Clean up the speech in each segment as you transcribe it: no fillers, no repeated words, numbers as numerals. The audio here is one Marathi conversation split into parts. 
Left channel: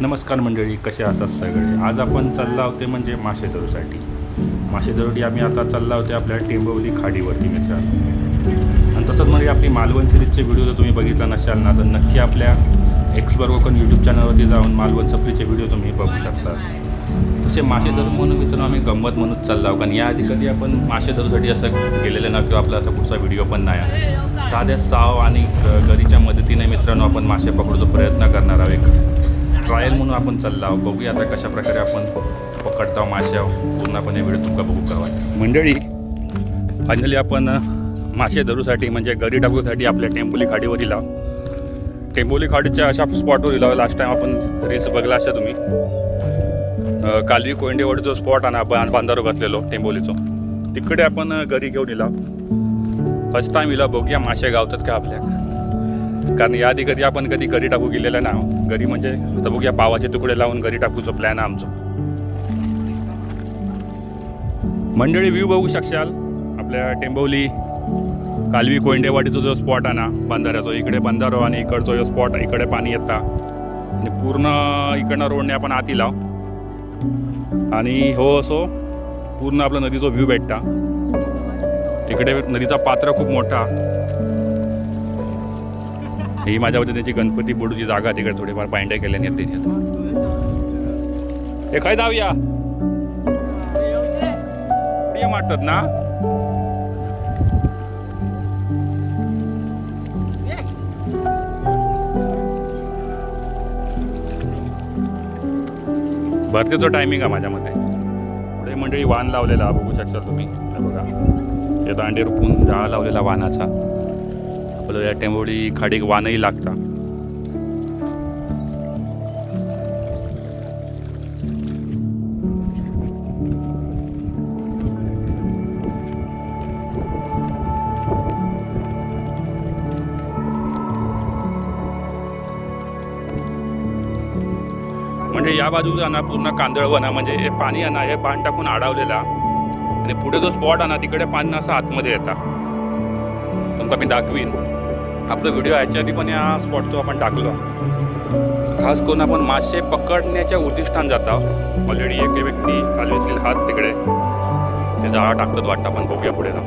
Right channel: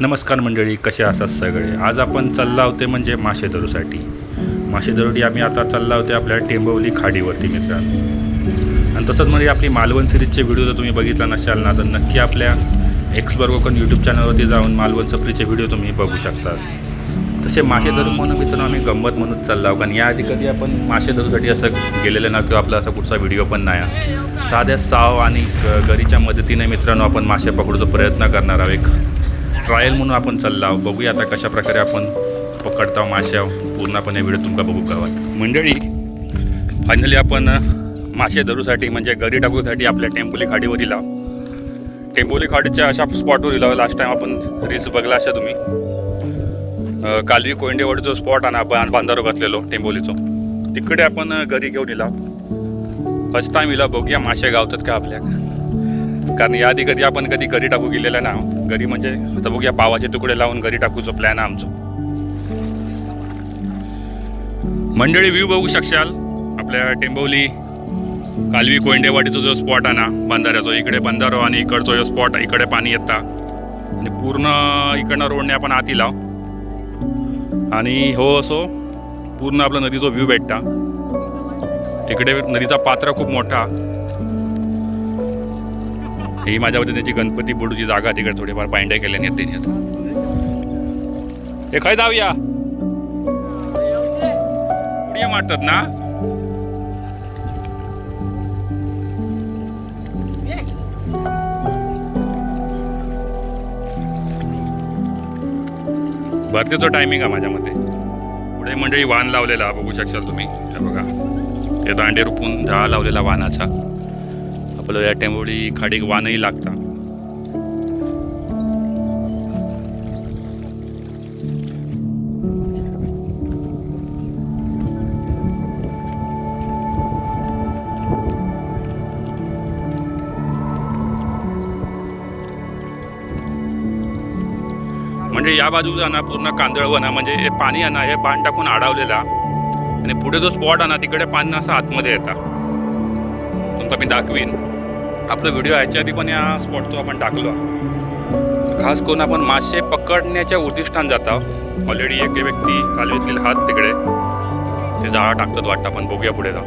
नमस्कार मंडळी, कसे असतात सगळे. आज आपण चालला होते म्हणजे मासे धरूसाठी. मासे धरूसाठी आम्ही आता चालला होते आपल्या टेंबवली खाडीवरती मित्रांनो. आणि तसंच म्हणजे आपली मालवण सिरीजचे व्हिडिओ जर तुम्ही बघितला नसाल ना, तर नक्की आपल्या एक्सप्लोर कोकण यूट्यूब चॅनलवरती जाऊन मालवण सफरीचे व्हिडिओ तुम्ही बघू शकतास. तसे मासे धरून म्हणून मित्रांनो आम्ही गंमत म्हणून चाललो, कारण याआधी कधी आपण मासे धरूसाठी असं गेलेलं ना, किंवा आपला असा कुठचा व्हिडिओ पण नाही. साध्या साव आणि गरीच्या मदतीने मित्रांनो आपण मासे पकडण्याचा प्रयत्न करणार आहोत. एक ट्रायल म्हणून आपण चाललो आहोत. बघूया आता कशा प्रकारे आपण पकडतो मासे. पूर्णपणे व्हिडिओ तुमका बघू गावात. मंडळी फायनली आपण मासे धरूसाठी म्हणजे गरी टाकूसाठी आपल्या टेंबोली खाडीवर इला. टेंबोली खाडीच्या अशा स्पॉटवर इला. लास्ट टाइम आपण रील्स बघला अशा तुम्ही. कालवी कोयंडेवाडीचा स्पॉट आणि आपण बांधारो घातलेलो टेंबोलीचो, तिकडे आपण गरी घेऊन इला. फर्स्ट टाइम इला. बघूया मासे गावतात का आपल्या, कारण याआधी कधी आपण कधी गरी टाकू गेलेला ना. गरी म्हणजे आता बघूया पावाचे तुकडे लावून गरी टाकूचा प्लॅन आहे आमचा. मंडळी व्ह्यू बघू शकशाल आपल्या टेंबवली कालवी कोयंडेवाडीचा जो स्पॉट आहे ना बंधाऱ्याचा, इकडे बंधारो आणि इकडचा जो स्पॉट इकडे पाणी येतं आणि पूर्ण इकडनं रोडने आपण आत इला आणि हो असो पूर्ण आपला नदीचा व्ह्यू भेटता. इकडे नदीचा पात्र खूप मोठा. ही माझ्या त्याची गणपती बुडूची जागा तिकडे थोडेफार पायंड्या केल्याने येते. ते खाय जाऊया उडी मारतात ना. भरतीचा टायमिंग आहे माझ्या मते. पुढे मंडळी वाहन लावलेला बघू शकशाल तुम्ही. हे बघा हे दांडे रुपून जाळा लावलेला वाहनाचा. आपल्याला या टेंबोली खाडीक वाहनही लागता. म्हणजे या बाजूला ना पूर्ण कांदळवन आहे. म्हणजे हे पाणी आहे ना, हे बांध टाकून अडवलेला आणि पुढे जो स्पॉट आहे ना तिकडे पाणी असं आतमध्ये येतात. तुमका मी दाखवीन. आपला व्हिडिओ याच्या आधी पण या स्पॉटचा आपण टाकलो. खास करून आपण मासे पकडण्याच्या उद्दिष्टाने जाता. ऑलरेडी एक व्यक्ती कालवीतील हात तिकडे ते जाळा टाकतात वाटतं. आपण बघूया पुढे ना.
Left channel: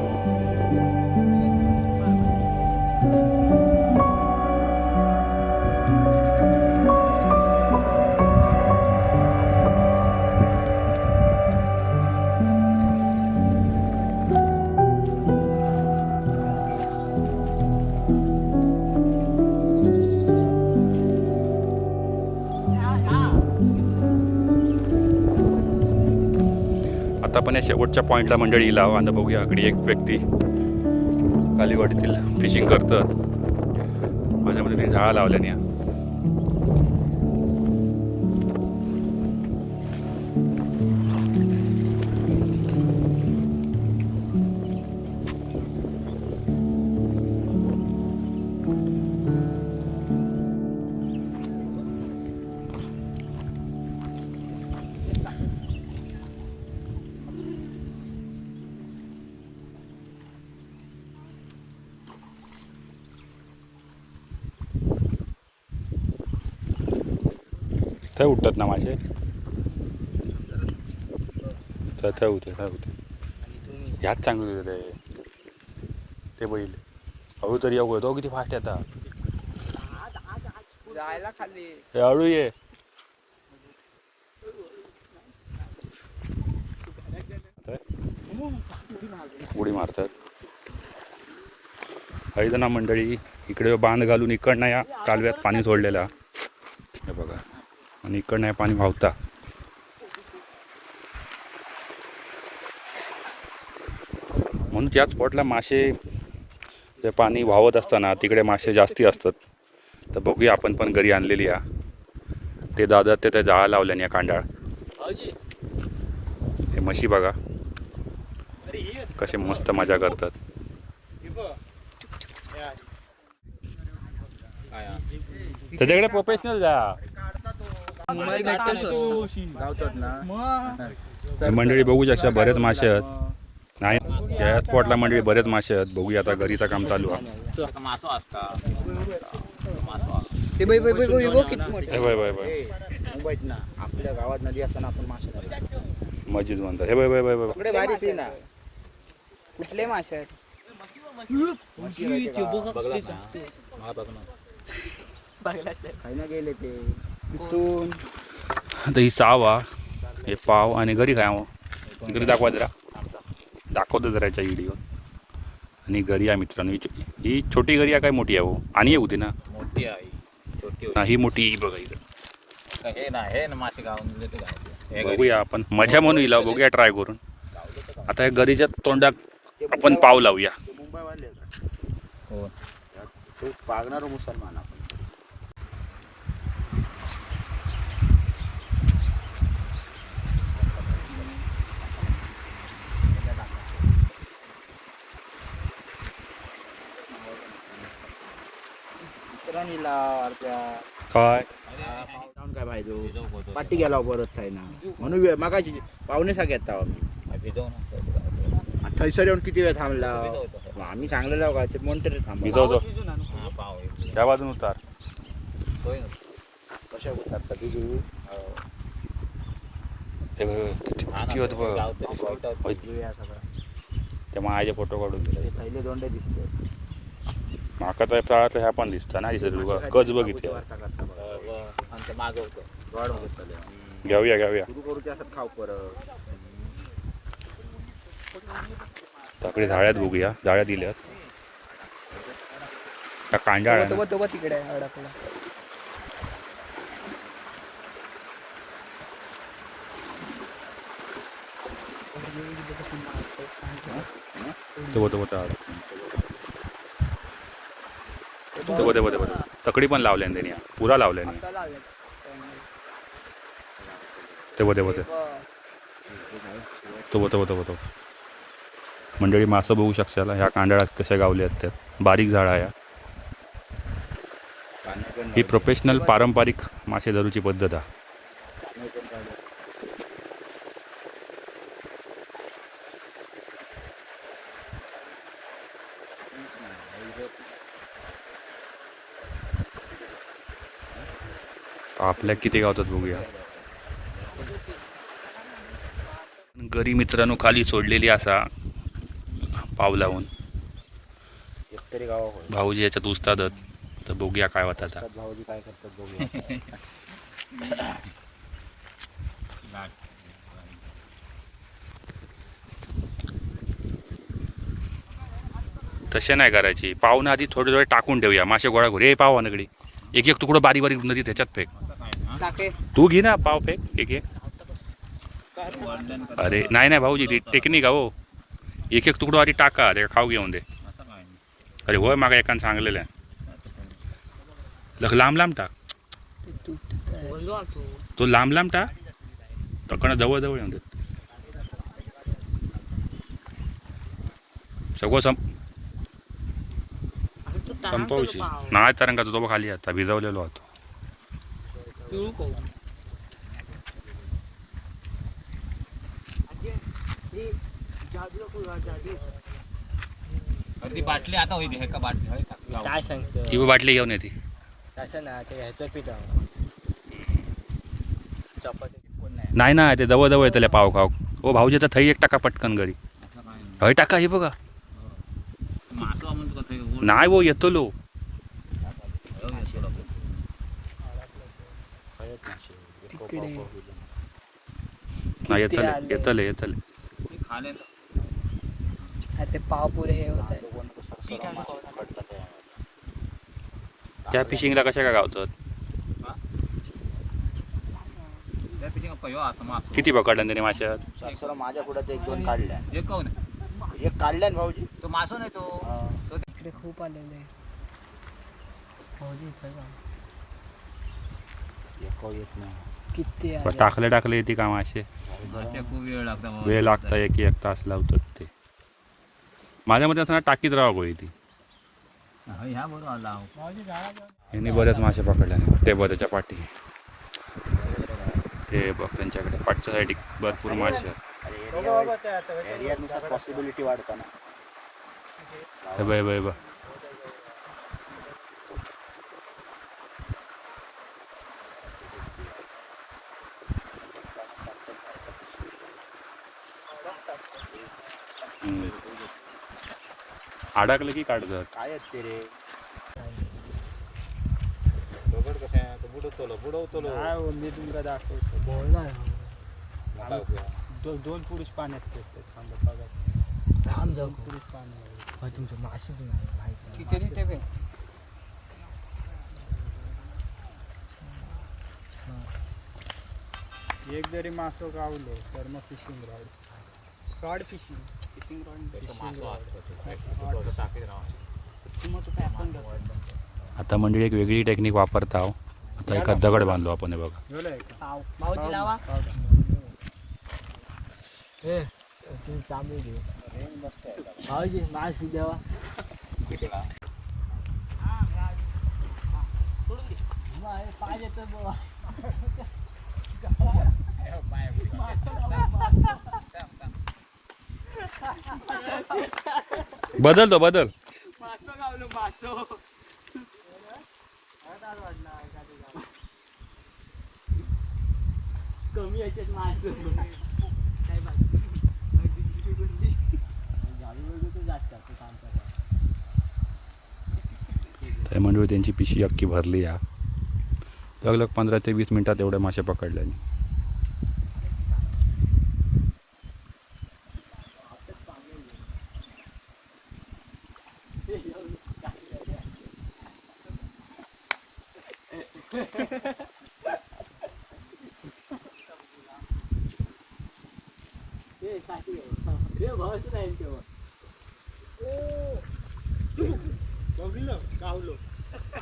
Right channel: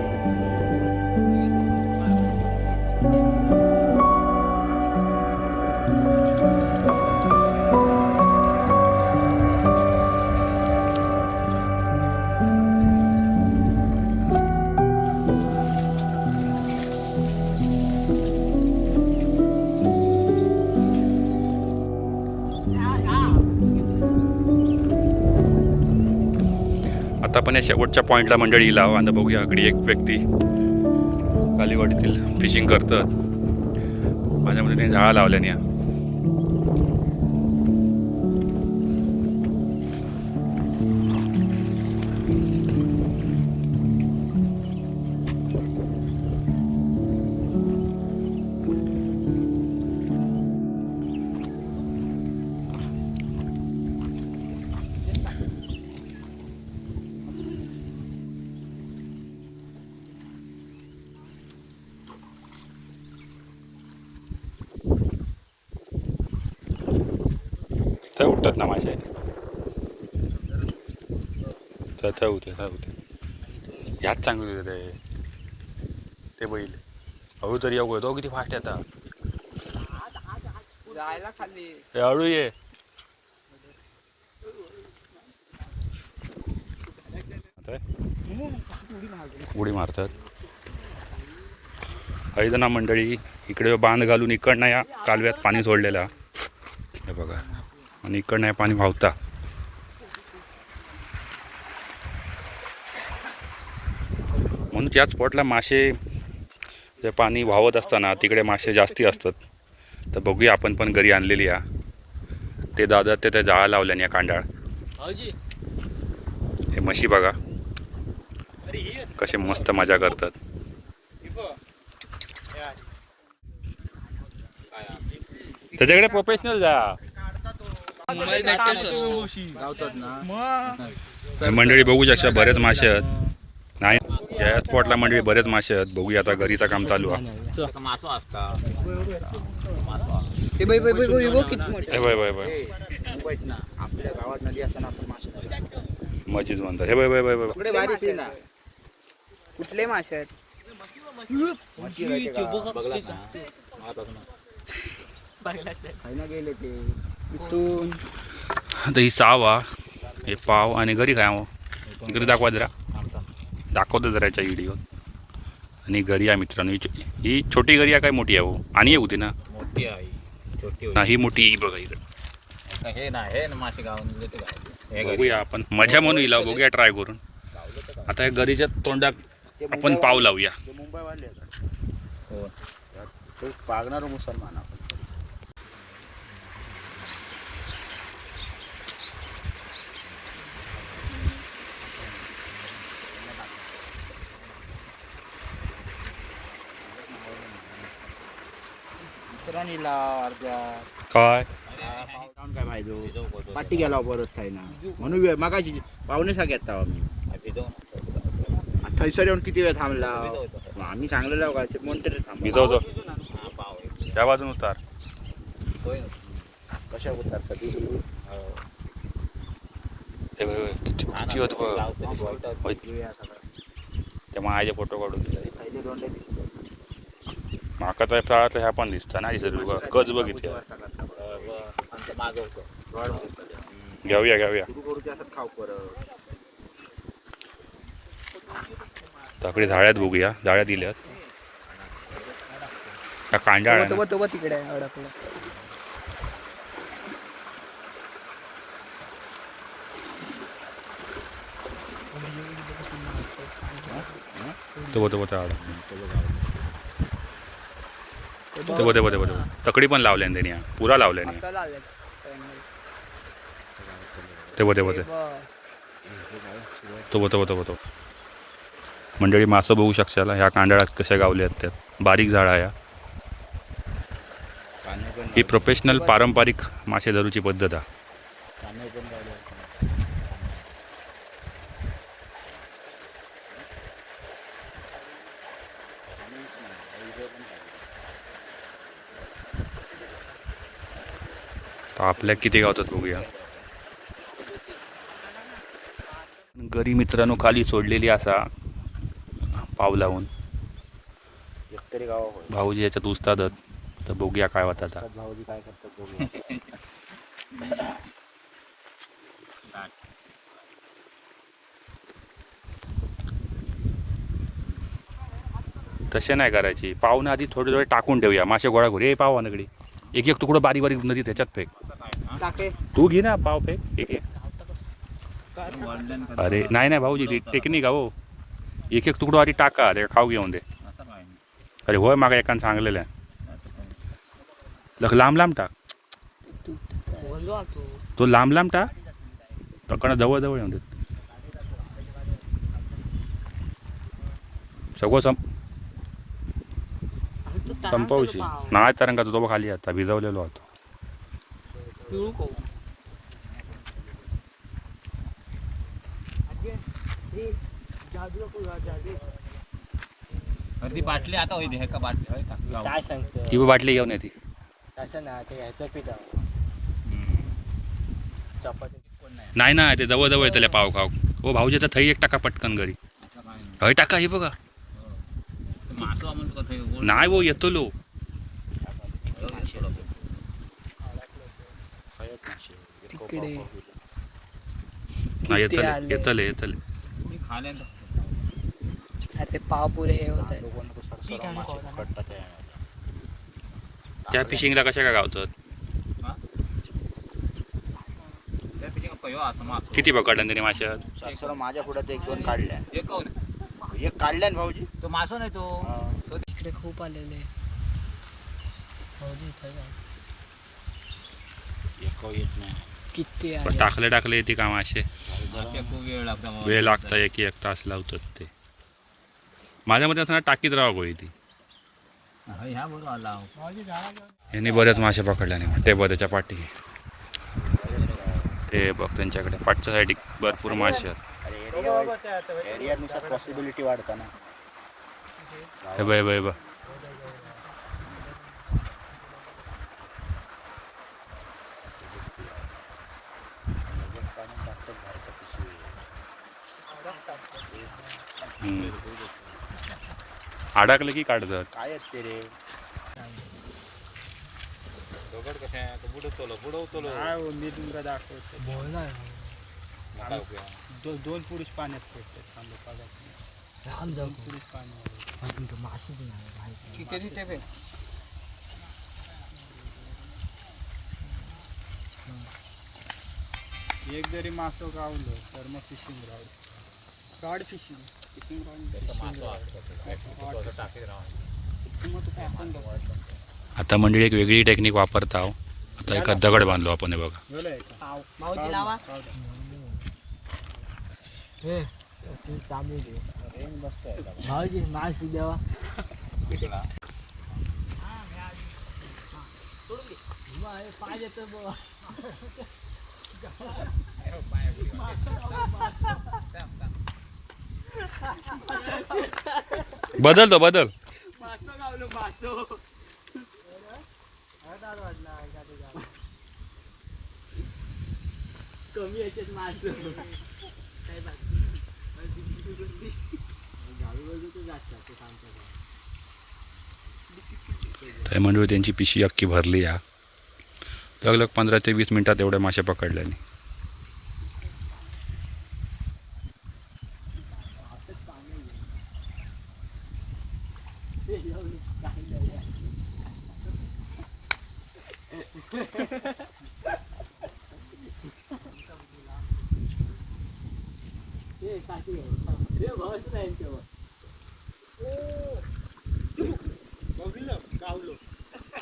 आता आपण या शेवटच्या पॉईंटला मंडळी लाव. आता बघूया इकडे एक व्यक्ती कालीवाडीतील फिशिंग करतात. माझ्यामध्ये त्यांनी झाडा लावल्याने. ते उठतात ना मासे. ते होते ह्याच चांगले होते ते बैल. हळू तरी येऊ तो किती फास्ट येतात. हळू ये. उडी मारतात काही जण मंडळी. इकडे बांध घालून इकडनं या कालव्यात पाणी सोडलेलं हे बघा, आणि इकडनं या पाणी वाहता. म्हणून त्या स्पॉटला मासे जे पाणी वाहत असताना तिकडे मासे जास्ती असतात. तर बघूया आपण पण घरी आणलेली या. ते दादा ते त्या जाळा लावल्याने या कांडाळ. हे म्हशी बघा कसे मस्त मजा करतात. त्याच्याकडे प्रोफेशनल जा. मंडळी बघू शकता बरेच मासे आहेत. नाही या स्पॉटला म्हणजे बरेच मासे आहेत. बघूया आता घरीचं काम चालू आहे. ते बाई बाई बाई बाई बघ किती मोठे. हे बाय बाय बाय मुंबईत ना आपल्या गावात नदी असताना आपण मासे धरतो. मजेच म्हणतात. हे बाय बाय बाय बाय इकडे भारी सीन आहे. कुठले मासे आहेत? काही ना गेले ते इथून. आता ही सावा हे पाव आणि घरी काय हो घरी दाखवा जरा दाखवतो जरा याच्या व्हिडिओ. आणि घरी आहे मित्रांनो. ही छोटी घरी आहे काय मोठी आहे हो? आणि होती ना मोठी आहे छोटी ही मोठी ही बघा इकडे. हे ना हे ना मासे गावून देते बघूया आपण मजा म्हणून हिला बघूया ट्राय करून. आता या घरीच्या तोंडात आपण पाव लावूया. मुंबईवाले हो तो पागणार मुसलमान आपण. दुसरा अर्ध्या काय काय पाहिजे पाठी गेला परत काय ना म्हणून वेळ मागायची पाहुणे सांगत आम्ही. थैसर येऊन किती वेळ थांबला आम्ही चांगलं लाव काय म्हणतो रे थांब भिजवतो त्या बाजून उतार. कशा होतात कधी हे बघ किती किती होत बघ. त्या माझे फोटो काढून दिले. पहिले दोंड दिसतो माका तर फळाचं ह्या पण दिसतं ना दिसत कच बघितले. घेऊया घेऊया सुरू करू की असं खाऊ परत. तकडे झाड्यात बघूया. जाळ्या दिल्यात का कांदा आहे ना. तो तिकडे आहे अडकला. तकडी पण लावल्यान त्यांनी पुरा लावल्याने. तो मंडळी मासं बघू शकशाला. ह्या कांडाळात कशा गावल्या आहेत त्यात बारीक झाडा या. ही प्रोफेशनल पारंपरिक मासे धरूची पद्धत आहे. आपल्या किती गावतात बघूया. घरी मित्रांनो खाली सोडलेली असा पाव लावून एकतरी गावा भाऊजी याच्यात उस्तादत. तर बघूया काय होत आता. भाऊजी काय करतात बघूया. तसे नाही करायची. पावनं आधी थोडे थोडे टाकून ठेवूया. मासे गोळा करू. हे पाव नगडी एक एक तुकडं बारीक बारीक नदी त्याच्यात फेक. तू घे ना पाव फेक एक एक. अरे नाही नाही भाऊजी ती टेक्निक आहे हो. एक एक तुकडं आधी टाका ते खाऊ घेऊन दे. अरे होय मागा एकानं सांगलेलं आहे. लांब लांब टाक. तो लांब लांब टाक. टकानं जवळ जवळ येऊन दे. सगळं संपवशी नाही तरंगाचा तो खाली आता भिजवलेलो होतो. ती बाटली आता होईल हे का बाटली काय सांगतो ती बाटली घेऊन येते. कसं ना ते ह्याचं पीठ चपाती नाही ना ते जवळ जवळ येतले पाव खाऊ. हो भाऊजीचा थई एक टाका पटकन घरी. हय टाका हे बघा. नाही वो येतो लो. नाही येतले येतले येतले. ते पाव पुरे हे होत. त्या फिशिंगला कशा काय गावतात. किती पकडल्या त्यांनी माश्या. सर माझ्या पुढे एक दोन काढल्या. एक काढल्या भाऊजी. तो मासो नाही तो इकडे खूप आलेले येत नाही. किती टाकले टाकले येते का मासे. खूप वेळ लागता एक एक तास लावतात ते. माझ्या मते असताना टाकीत राहा गोळी ती. यांनी बरेच मासे पकडल्याने ते बघ त्याच्या पाठी. ते बघ त्यांच्याकडे पाठच्या साईड भरपूर मासे आहेत. एरियानुसार पॉसिबिलिटी वाढतं ना. हे बघ हे बघ हे बघ. अडकलं की काढतात. काय असते रे? मी तुमका दाखवतो. दोन पुरुष पाण्यात एक जरी मासो गावलो तर मग फिशिंग रॉड रॉड फिशिंग आता मंडळी एक वेगळी टेक्निक वापरत आहो. आता एका दगड बांधलो आपण, हे बघा. बदल तो बदल. कमी याच्यात मासे तर मंडळी त्यांची पिशी अख्खी भरली या. लगभग 15 ते 20 मिनिटात एवढे मासे पकडल्याने.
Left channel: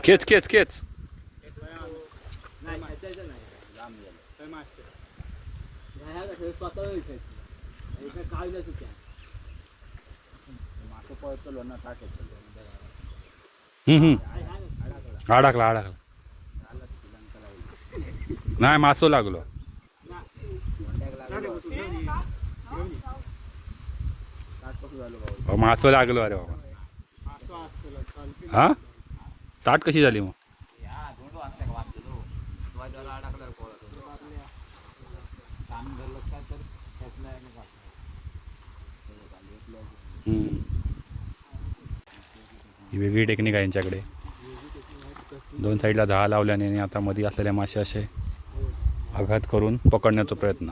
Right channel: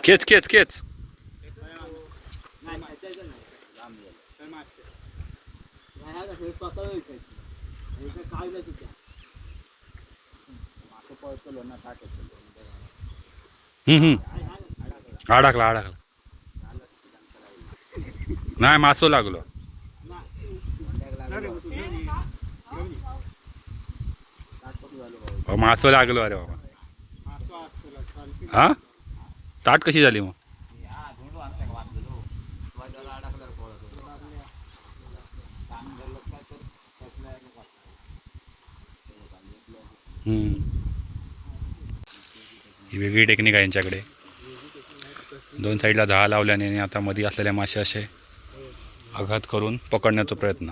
खेच खेच खेच. अडकला अडकला. नाही मासो लागलो. मासो लागलो. अरे बाबा. हा ताट कशी झाली मग? ही वेगळी टेक्निक आहे यांच्याकडे. दोन साईडला दहा लावल्याने आणि आता मध्ये असलेले मासे असे आघात करून पकडण्याचा प्रयत्न.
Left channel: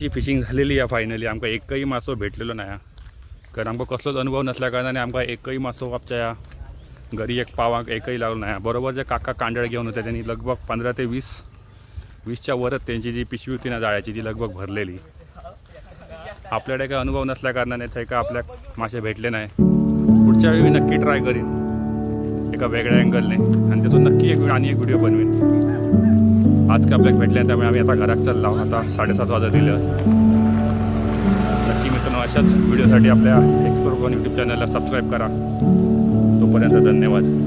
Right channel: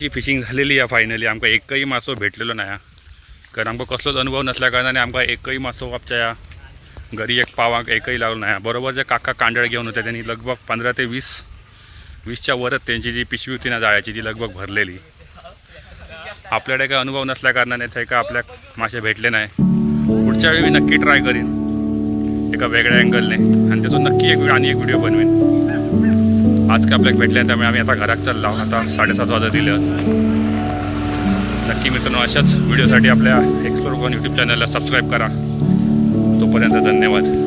ही फिशिंग झालेली आहे फायनली. आमका एकही मासो भेटलेलो नाही, कारण आमका कसलोच अनुभव नसल्या कारणाने आमका एकही मासो आमच्या घरी एक पावांक एकही लागलो नाही. बरोबर जे काका कांडळ घेऊन होते त्यांनी लगभग 15 ते 20च्या वरच त्यांची जी पिशवी होती ना जाळ्याची ती लगभग भरलेली. आपल्याकडे काही अनुभव नसल्या कारणाने ते का आपल्या मासे भेटले नाही. पुढच्या वेळी मी नक्की ट्राय करीन एका वेगळ्या अँगलने आणि त्यातून नक्की एक व्हिडिओ बनवेन. आज काय आपल्याला भेटले त्यामुळे आम्ही आता घरात चाललो. आता 7:30 वाजता दिलं. नक्की मित्रांनो अशाच व्हिडिओसाठी आपल्या एक्सप्लोर करून यूट्यूब चॅनलला सबस्क्राईब करा. तोपर्यंत धन्यवाद.